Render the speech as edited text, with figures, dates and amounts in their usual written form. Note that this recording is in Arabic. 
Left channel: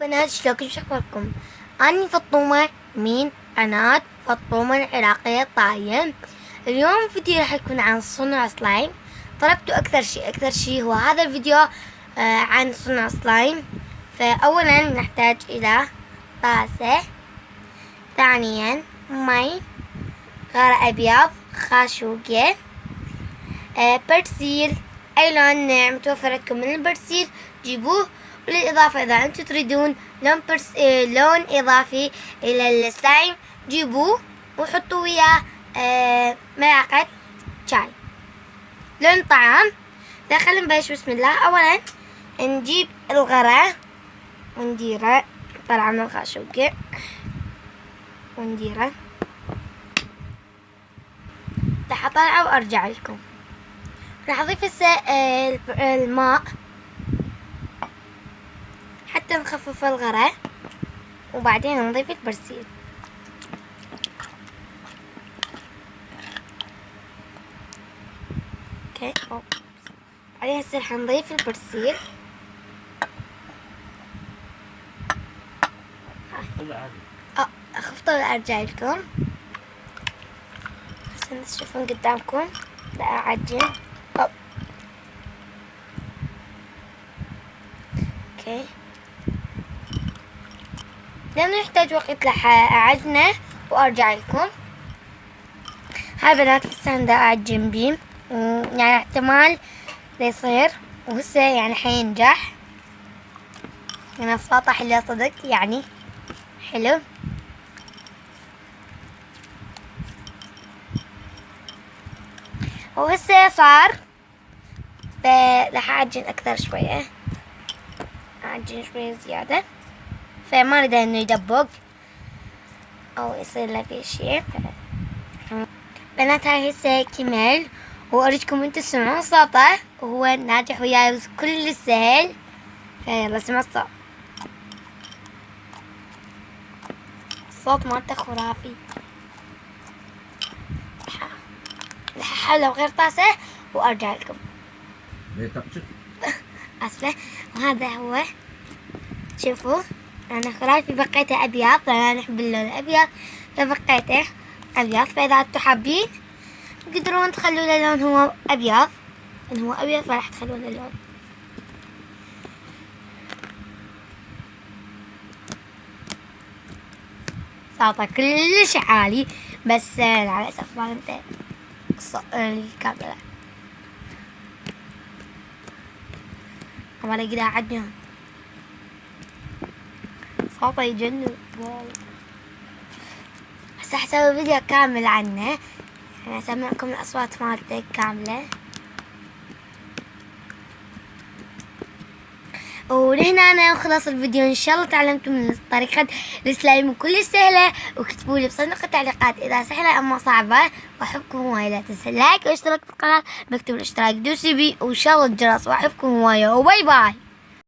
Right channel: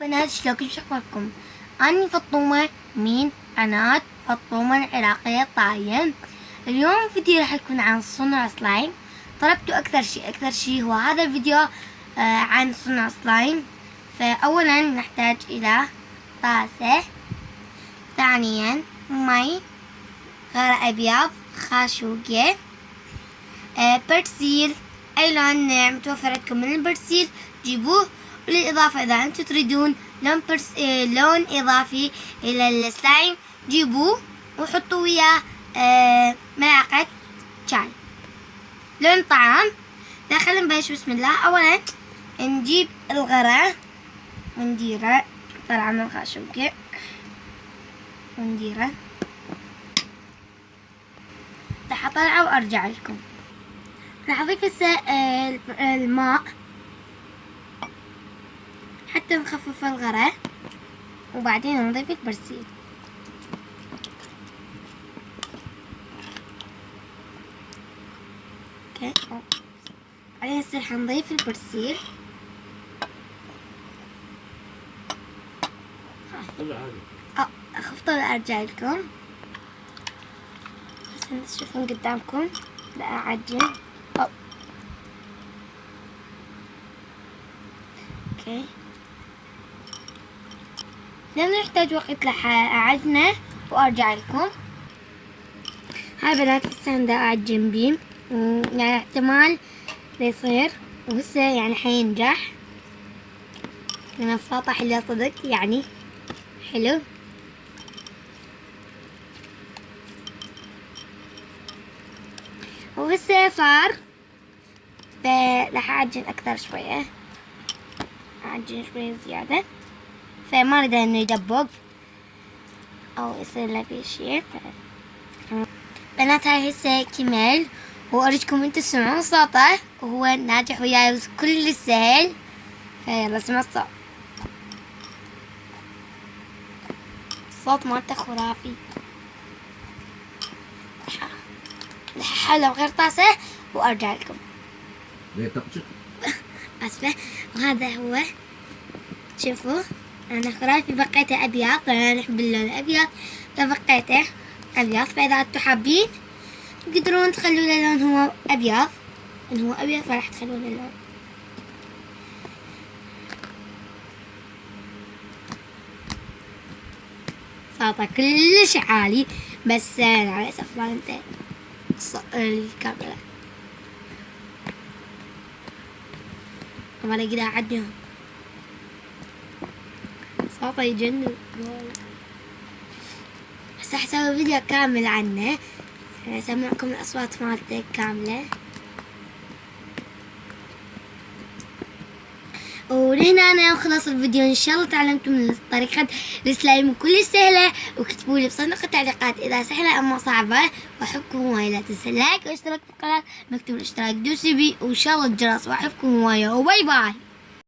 بنات شلونكم شو اخباركم؟ أنا فطومة من قناة فطومة العراقية الطاهية. اليوم الفيديو راح يكون عن صنع سلايم. طلبتوا أكثر شي هو هذا الفيديو عن صنع سلايم. فأولا نحتاج إلى طاسة، ثانيا مي، غار أبيض، خاشوقة، برسيل، أي لون متوفر عندكم من البرسيل جيبوه. وللإضافة إذا أنتم تريدون لون إضافي إلى السلايم جيبوه وحطوا وياه ملعقة شاي لون طعام. خلينا نبلش. بسم الله. أولا نجيب الغرة ونديره، طلع من الخاشوقة ونديره، راح أطلعه وأرجع لكم. راح أضيف هسه الماء حتى نخفف الغرة، وبعدين نضيف البرسيل. اوكي، بعدين هسه راح نضيف البرسيل. خفضوا ارجع لكم عشان تشوفون قدامكم. لا اعجن. اوكي، لأنه يحتاج وقت لأعجنه وأرجع لكم. هاي بنات هسه دا أعجن بيه، يعني احتمال يصير وهسه يعني حينجح. يعني السلطة حلوة صدق، يعني حلو. وهسه صار، راح أعجن أكثر شوية، أعجن شوية زيادة، فما أريد إنه يدبق أو يصير له في شيء. بنات هاي هسه كمل، وأريدكم انتو تسمعون صوته وهو ناجح وياي كل سهل. فيلا سمع الصوت. الصوت مالته خرافي. راح أحله بغير طاسة وأرجع لكم. آسفة. وهذا هو، شوفوا أنا خرافي بقيته أبيض، أنا أحب اللون الأبيض فبقيته أبيض. فإذا أنتم حابين تقدرون تخلوا له لون هو أبيض، إن هو أبيض فراح تخلون اللون. صوته كلش عالي، بس على أساس ما انتهى الكاميرا ولا كده عدنا. صوته يجنن. هسه حسوي فيديو كامل عنه، يعني أسمعكم الأصوات مالته كاملة. ولهنا أنا خلص الفيديو. إن شاء الله تعلمتم من طريقة السلايم كل سهلة، وكتبوا لي بصندوق التعليقات إذا سهلة أما صعبة. وأحبكم هواية. لا تنسى اللايك واشتراك في القناة، بكتب الاشتراك دوسي بي وإن شاء الله الجرس. وأحبكم هواية وباي باي.